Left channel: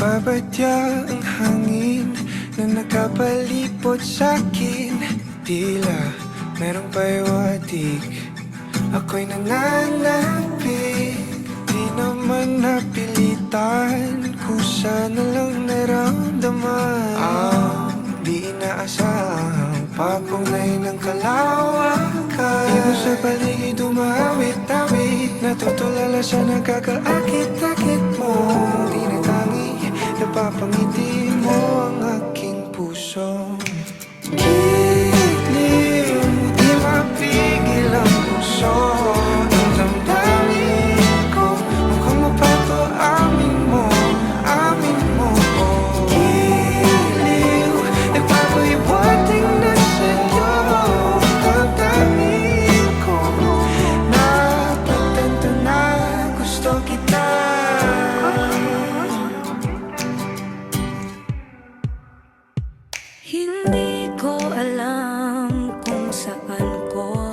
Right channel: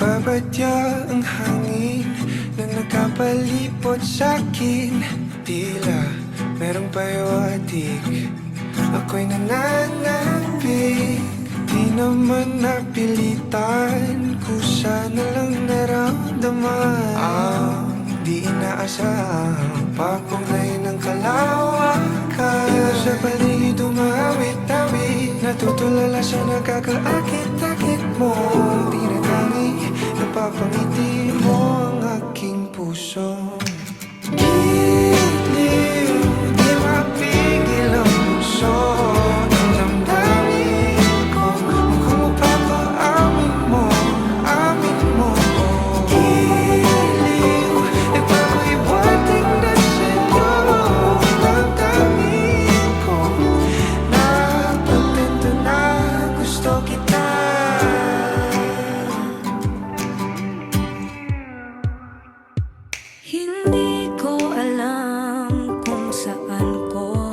Nagbabadya ang hangin na nakapalipot sa'kin. Tila merong pahiwatig, ako'y nananapig. Di naman napilitan, kusa na lang naramdaman ang di inaasahang papunglay ng kalawakan. Ikaw sa paligid umawit-awit, natutulala sa nakakaakit-akit mo. Di na tangi, napapangiti mo ang aking puso. Giliw, di mapigil ang puso. Ang damdamin ko, mukhang mapato, amin mo, amin mo. Giliw, nagpapahiwatig na sa'yo. Damdamin ko, napagtanto na gusto kita. Hindi ko alam kung saan ko